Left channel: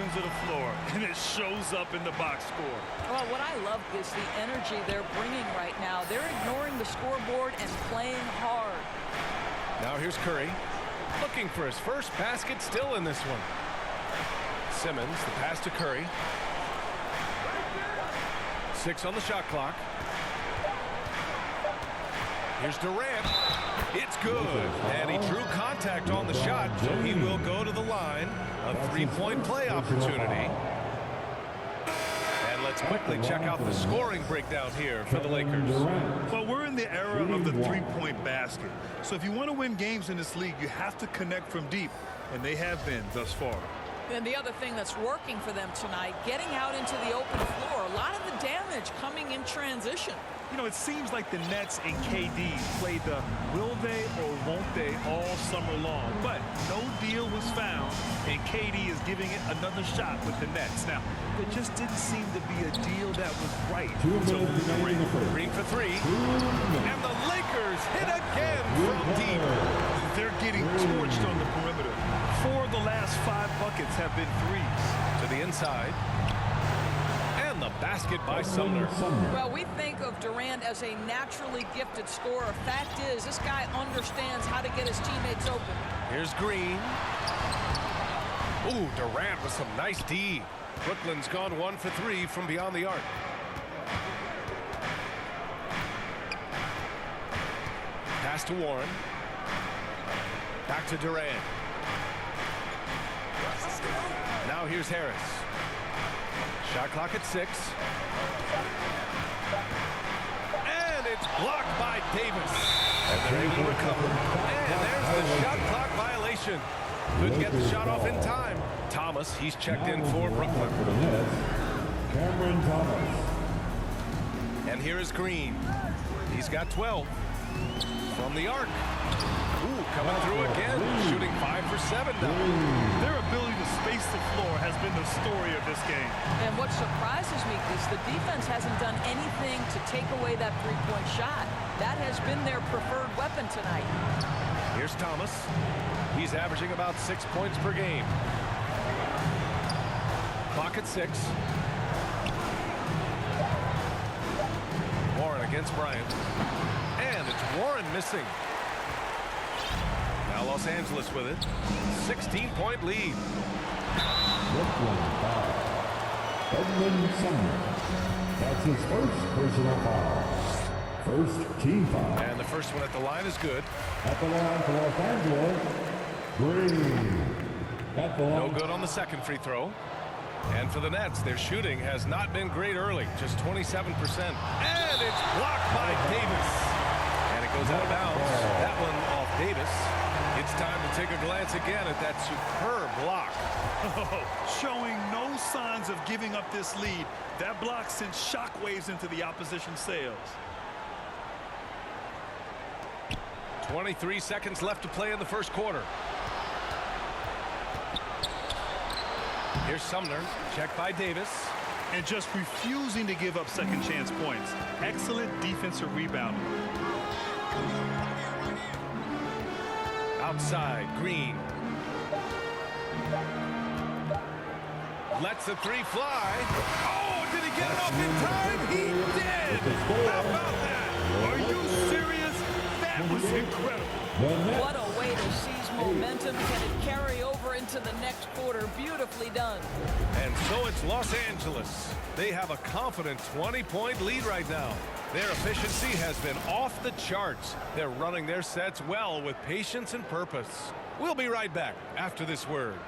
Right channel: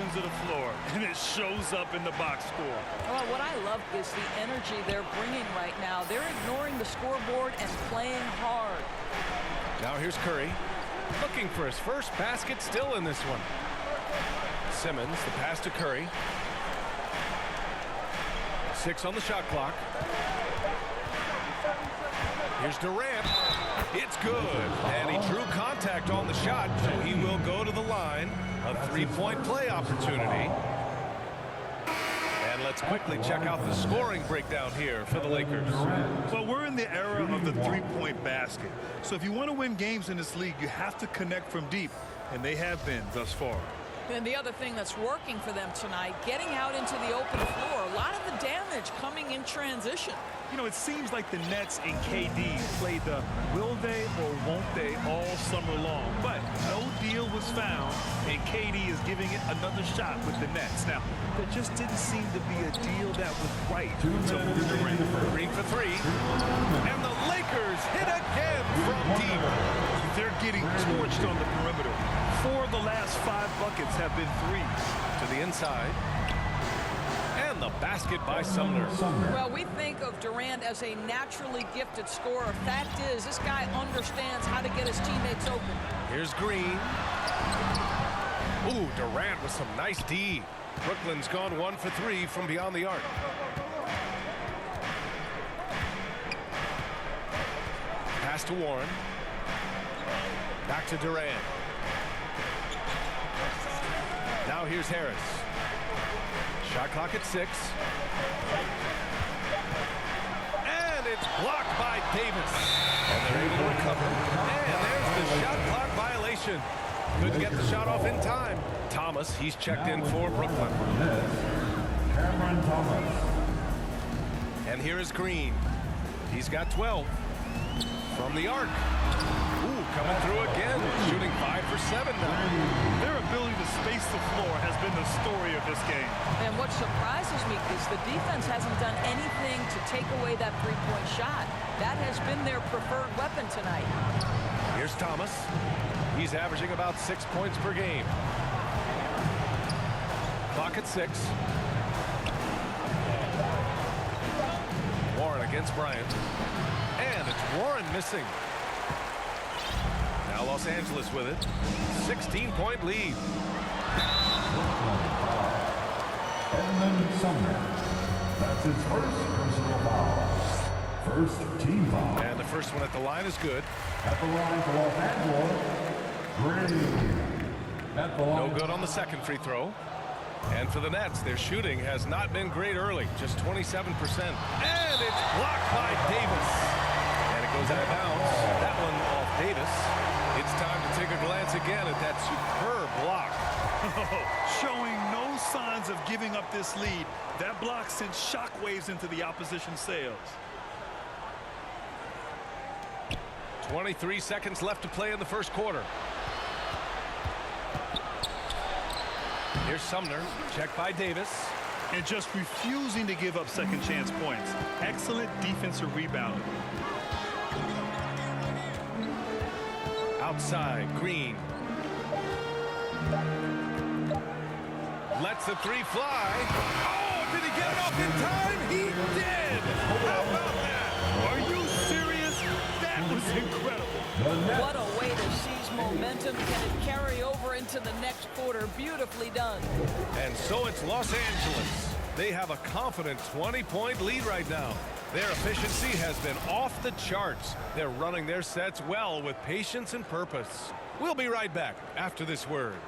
ends of the floor, and it shows up in the box score. Well, what I love is the energy they're bringing right now. They're ignoring the scoreboard and playing hard. Now here's Curry, looking for his first basket, still in this one. Simmons, the pass to Curry. 6 on the shot clock. Here's Durant. It's good. And he drew contact on the shot, so he will go to the line. A three-point play opportunity. And let's quickly check out the scoring breakdown here for the Lakers. Well, we're in the era of the three-point basket. So if you want to win games in this league, you have to connect from deep, and they have been thus far. And the other thing that's working for them tonight, getting out into the open floor. A lot of the damage coming in transition. You know, it seems like the Nets and KD played the will they or won't they all summer long. But no deal was found, and KD is giving it another shot with the Nets. Now, there just didn't seem to be a deal that was right to Durant. Green for 3. And the Lakers hit again from deep. They're getting torched on the perimeter. 4 of the last 5 buckets have been threes. To the inside. And the basket by Sumner. Well, we think of Durant as a naturally gifted scorer. Fact is, this guy understands how to get his teammates open. Here's Green. Ooh, Durant with some nice D. Brooklyn's gone 1 for 3 from beyond the arc. Pass to Warren. Back to Durant. Now here's Harris. Shot clock at 6. And it's blocked by Davis. And they're able to recover. And there's the shot clock violation. Couldn't get the shot off in time. Thomas, he's checked in for Brooklyn. Cameron Thomas. And here is Green. He's got 12. From the arc. Ooh, coming through again. Shooting 5 for 7 now. Their ability to space the floor has been the story of this game. And what surprises me is the defense hasn't done anything to take away that three-point shot. That has been their preferred weapon tonight. Here's Thomas. He's averaging about 6 points per game. Clock at 6. Warren against Bryant. And it's Warren missing. Now Los Angeles with it. 16-point lead. Brooklyn foul. Edmund Sumner. That's his first personal foul. First team foul. And the first one at the line is good. At the line for Los Angeles, Green. At the line. No good on the second free throw. And for the Nets, their shooting has not been great early, just 27%. And it's blocked by Davis. And it goes out of bounds. That one off Davis. It's time to take a glance again at that superb block. Showing no signs of giving up this lead. That block sent shockwaves into the opposition sails. 23 seconds left to play in the first quarter. Here's Sumner, checked by Davis. And just refusing to give up second chance points. Excellent defensive rebounding. Outside, Green. Lets the 3 fly. Oh, did he get it off in time? He did! How about that? Are you serious? That was incredible. What a way to seize momentum. Can it carry over into the next quarter? Beautifully done. And so it's Los Angeles. They have a confident 20-point lead right now. Their efficiency has been off the charts. They're running their sets well with patience and purpose. We'll be right back after this word.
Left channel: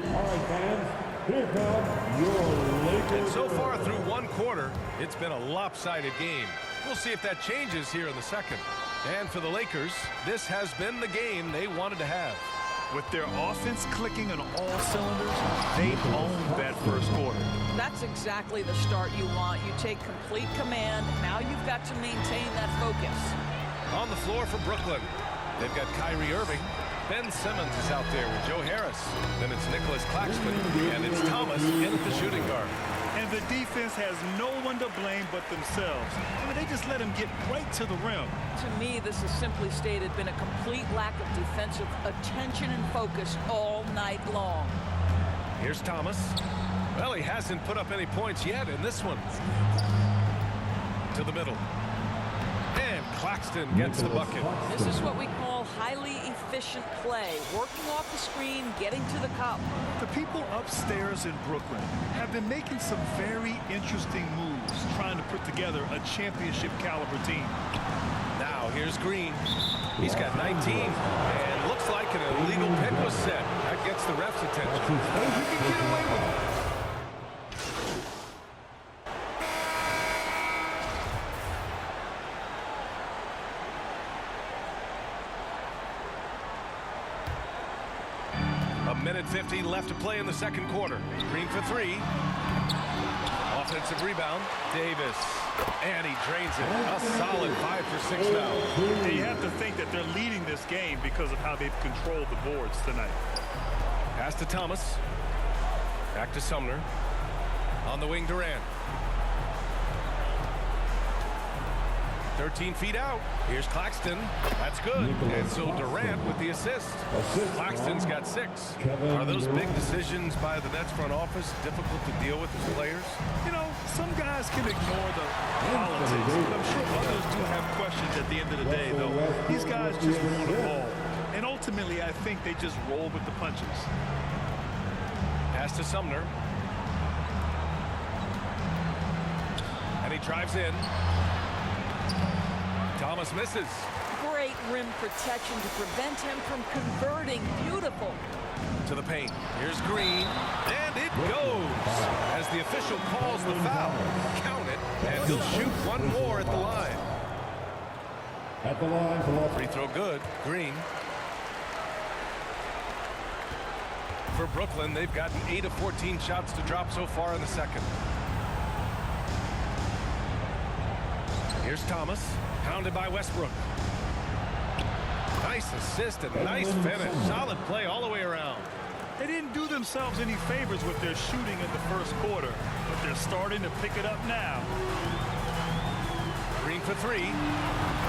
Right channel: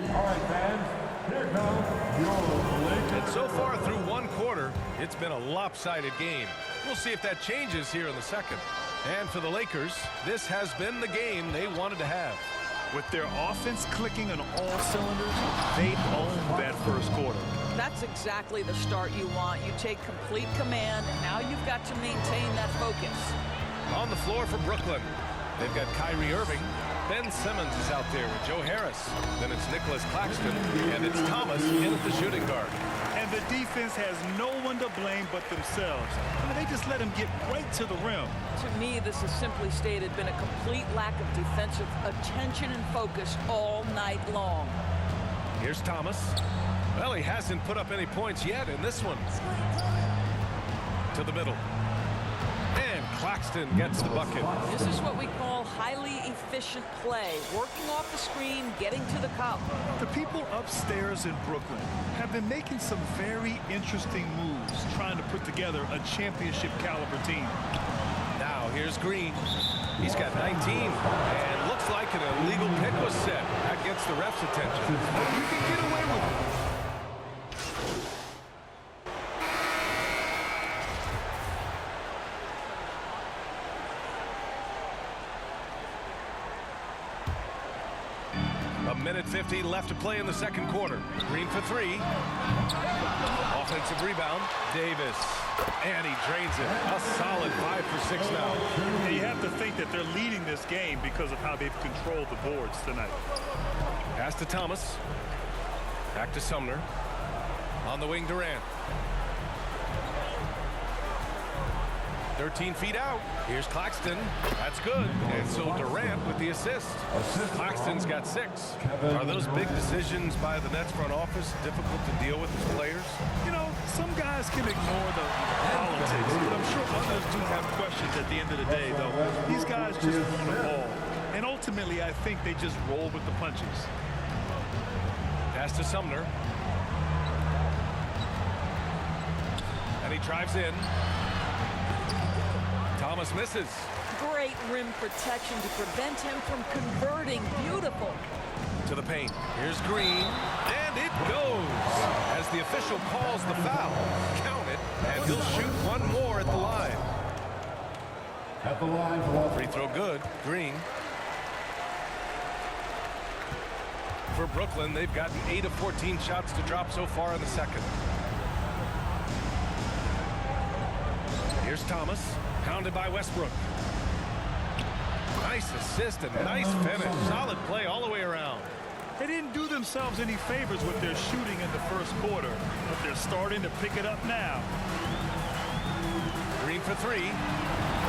All right, fans, here come your Lakers. And so far through one quarter, it's been a lopsided game. We'll see if that changes here in the second. And for the Lakers, this has been the game they wanted to have. With their offense clicking on all cylinders, they owned that first quarter. That's exactly the start you want. You take complete command. Now you've got to maintain that focus. On the floor for Brooklyn, they've got Kyrie Irving. Ben Simmons is out there with Joe Harris. Then it's Nicholas Claxton, and it's Thomas in at the shooting guard. And the defense has no one to blame but themselves. I mean, they just let him get right to the rim. To me, this has simply stated been a complete lack of defensive attention and focus all night long. Here's Thomas. Well, he hasn't put up any points yet in this one. To the middle. And Claxton gets the bucket. This is what we call highly efficient play. Working off the screen, getting to the cup. The people upstairs in Brooklyn have been making some very interesting moves, trying to put together a championship caliber team. Now here's Green. He's got 19, and looks like an illegal pick was set. That gets the ref's attention. You can get away with it. A minute 50 left to play in the second quarter. Green for three. Offensive rebound. Davis. And he drains it. A solid 5 for 6 now. And you have to think that they're leading this game because of how they've controlled the boards tonight. Pass to Thomas. Back to Sumner. On the wing, Durant. 13 feet out. Here's Claxton. That's good. And so Durant with the assist. Claxton's got 6. Are those big decisions by the Nets front office difficult to deal with as players? You know, some guys can ignore the politics, but I'm sure others do have questions at the end of the day, though. These guys just want a ball. And ultimately, I think they just roll with the punches. Pass to Sumner. And he drives in. Thomas misses. Great rim protection to prevent him from converting. Beautiful. To the paint. Here's Green. And it goes. As the official calls the foul. Count it. And he'll shoot one more at the line. At the line for Free throw good. Green. For Brooklyn, they've gotten 8 of 14 shots to drop so far in the second. Here's Thomas. Pounded by Westbrook. Nice assist and nice finish. Solid play all the way around. They didn't do themselves any favors with their shooting in the first quarter, but they're starting to pick it up now. Green for 3.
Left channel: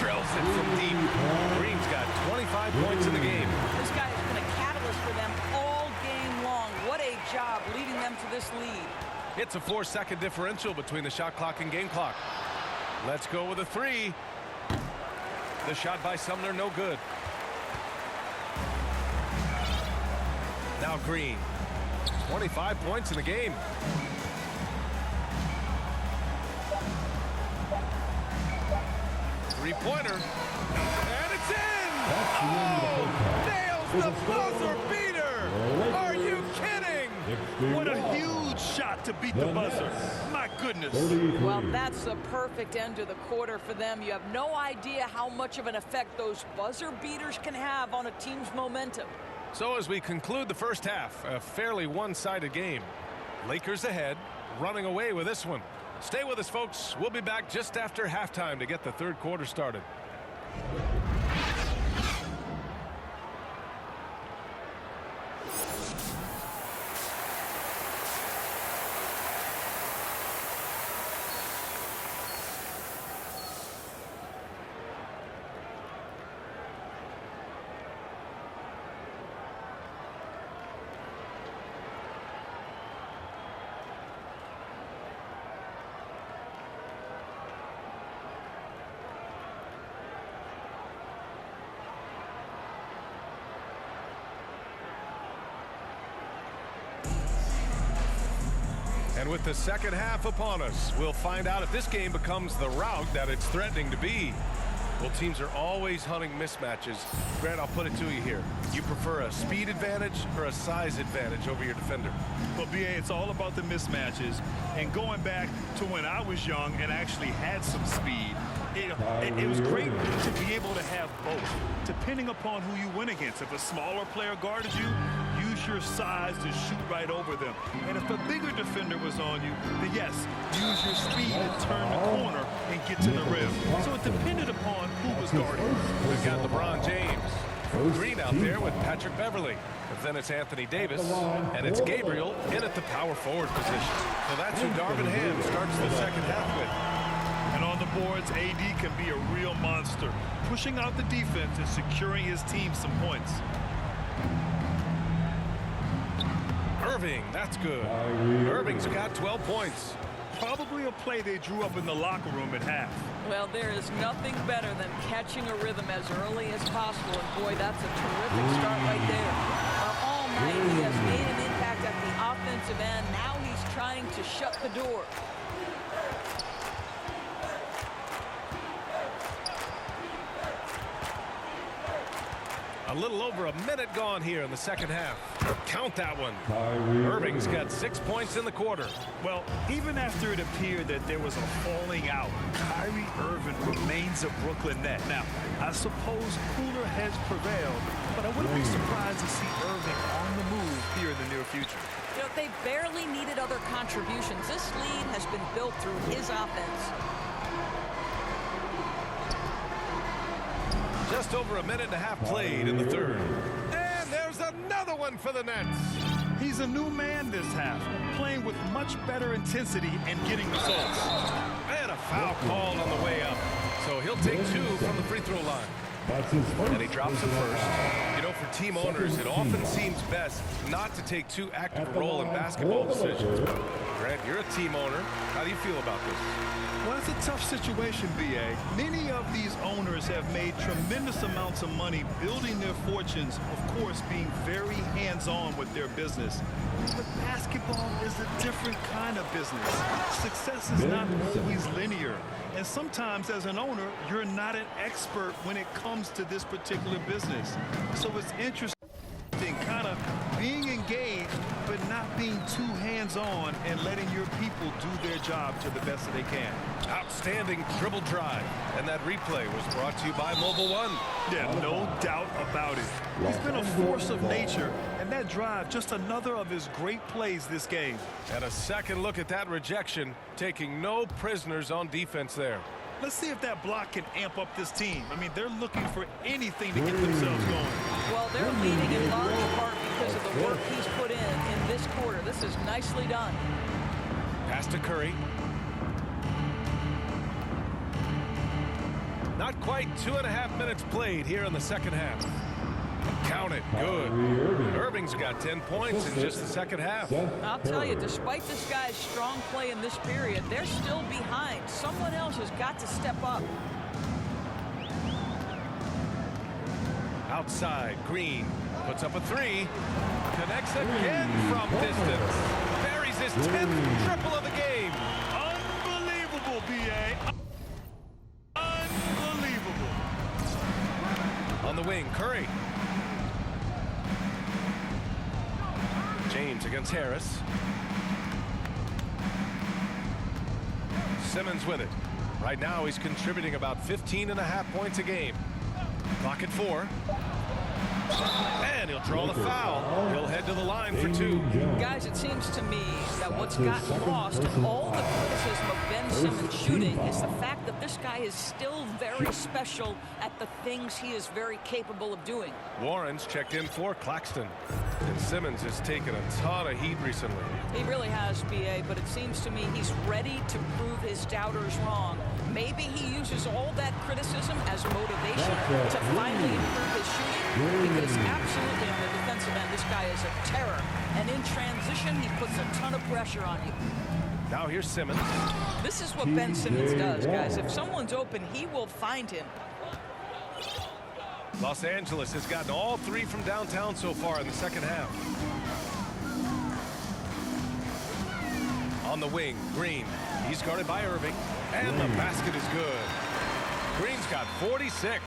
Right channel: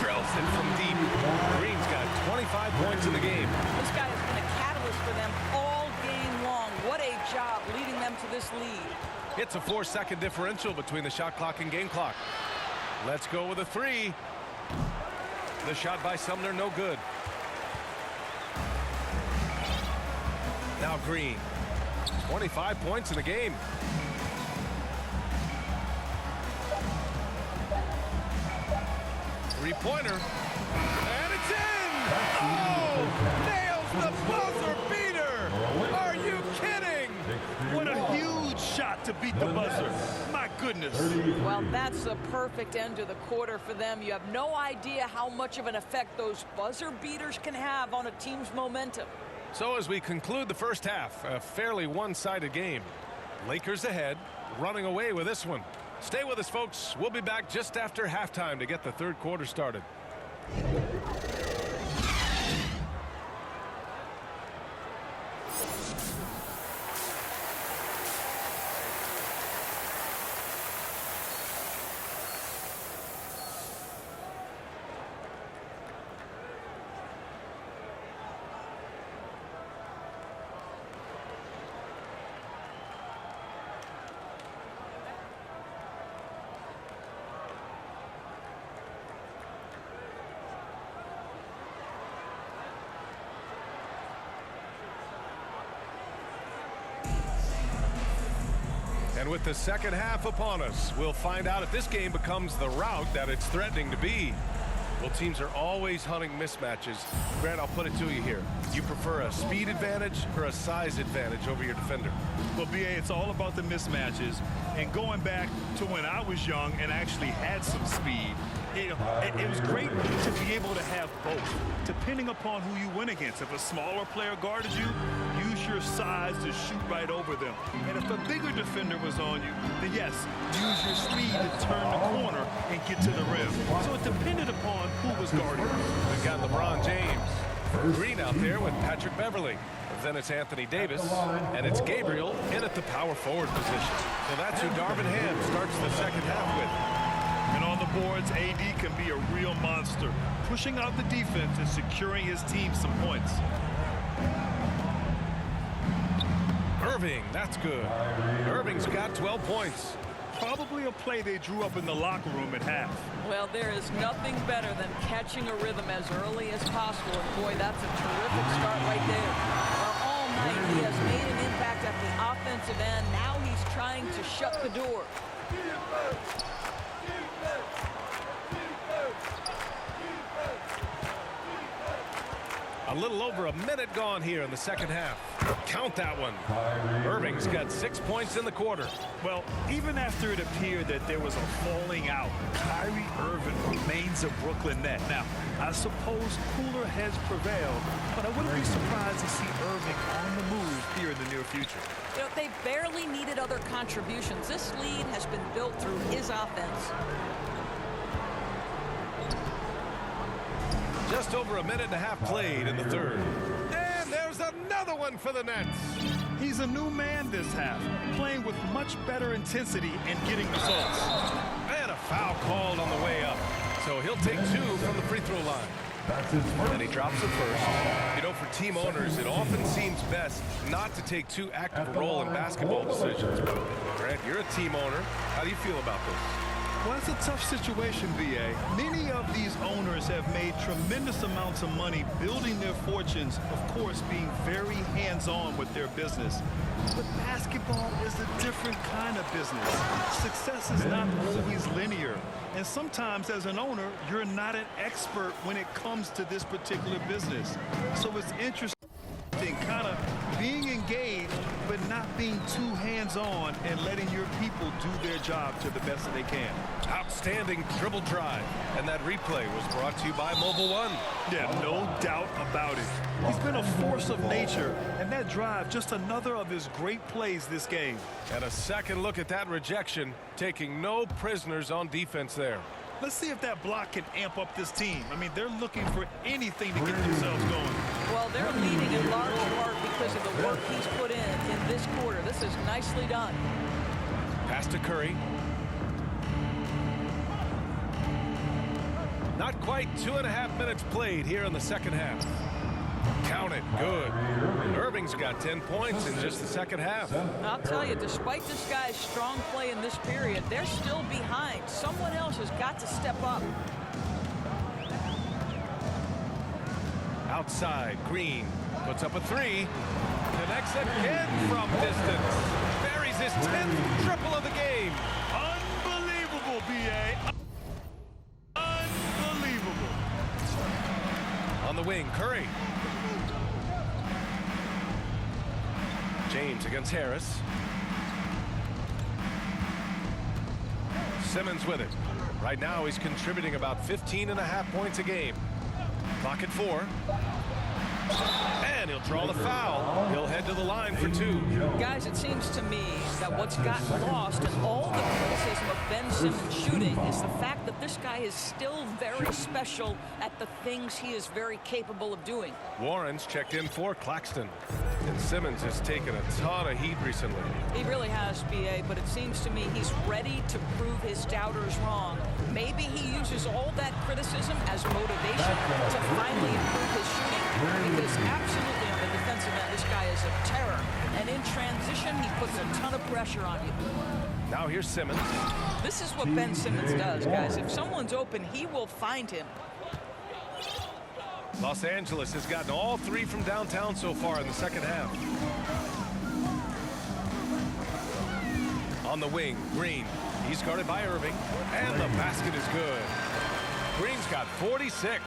Drills it from deep. Green's got 25 points in the game. This guy has been a catalyst for them all game long. What a job leading them to this lead. It's a 4-second differential between the shot clock and game clock. Let's go with a 3. The shot by Sumner, no good. Now Green. 25 points in the game. Three-pointer. And it's in! Oh! Nails the buzzer beater! Are you kidding? What a huge shot to beat the buzzer. My goodness. Well, that's the perfect end to the quarter for them. You have no idea how much of an effect those buzzer beaters can have on a team's momentum. So as we conclude the first half, a fairly one-sided game. Lakers ahead, running away with this one. Stay with us, folks. We'll be back just after halftime to get the third quarter started. And with the second half upon us, we'll find out if this game becomes the rout that it's threatening to be. Well, teams are always hunting mismatches. Grant, I'll put it to you here. You prefer a speed advantage or a size advantage over your defender? Well, B.A., it's all about the mismatches. And going back to when I was young and actually had some speed, it was great to be able to have both, depending upon who you went against. If a smaller player guarded you, use your size to shoot right over them. And if a bigger defender was on you, then yes, use your speed to turn the corner and get to the rim. So it depended upon who was guarding you. We've got LeBron James Green out there with Patrick Beverly. And then it's Anthony Davis, and it's Gabriel in at the power forward position. So that's who Darvin Ham starts the second half with. And on the boards, AD can be a real monster, pushing out the defense and securing his team some points. Irving, that's good. Irving's got 12 points. Probably a play they drew up in the locker room at half. Well, there is nothing better than catching a rhythm as early as possible. And boy, that's a terrific start right there. Well, all night he has made an impact at the offensive end. Now he's trying to shut the door. A little over a minute gone here in the second half. Count that one. Irving's got 6 points in the quarter. Well, even after it appeared that there was a falling out, Kyrie Irving remains a Brooklyn Net. Now, I suppose cooler heads prevailed, but I wouldn't be surprised to see Irving on the move here in the near future. You know, they barely needed other contributions. This lead has been built through his offense. Just over a minute and a half played in the third. And there's another one for the Nets. He's a new man this half, playing with much better intensity and getting results. And a foul called on the way up. So he'll take 2 from the free throw line. That's his first. And he drops it first. You know, for team owners, it often seems best not to take too active a role in basketball decisions. But Grant, you're a team owner. How do you feel about this? Well, it's a tough situation, B.A. Many of these owners have made tremendous amounts of money building their fortunes, of course, being very hands-on with their business. But basketball is a different kind of business. Success is not always linear. And sometimes, as an owner, you're not an expert when it comes to this particular business. So it's interesting kind of being engaged but not being too hands-on and letting your people do their job to the best that they can. Outstanding dribble drive. And that replay was brought to you by Mobile One. Yeah, no doubt about it. He's been a force of nature, and that drive, just another of his great plays this game. And a second look at that rejection, taking no prisoners on defense there. Let's see if that block can amp up this team. I mean, they're looking for anything to get themselves going. Well, they're leading in large part because of the work he's put in this quarter. This is nicely done. Pass to Curry. Not quite 2.5 minutes played here in the second half. Count it. Good. Irving's got 10 points in just the second half. I'll tell you, despite this guy's strong play in this period, they're still behind. Someone else has got to step up. Outside, Green puts up a 3. Connects again from distance. Buries his 10th triple of the game. Unbelievable, B.A. Unbelievable. On the wing, Curry. James against Harris. Simmons with it. Right now he's contributing about 15.5 points a game. Clock at 4. And he'll draw the foul. He'll head to the line for 2. Guys, it seems to me that what's gotten lost in all the criticism of Ben Simmons shooting is the fact that this guy is still very special at the things he is very capable of doing. Warren's checked in for Claxton. And Simmons has taken a ton of heat recently. He really has, B.A., but it seems to me he's ready to prove his doubters wrong. Maybe he uses all that criticism as motivation to finally improve his shooting, because absolutely on the defensive end, this guy is a terror. And in transition, he puts a ton of pressure on you. Now here's Simmons. This is what Ben Simmons does, guys. If someone's open, he will find him. Los Angeles has gotten all 3 from downtown so far in the second half. On the wing, Green. He's guarded by Irving. And the basket is good. Green's got 46.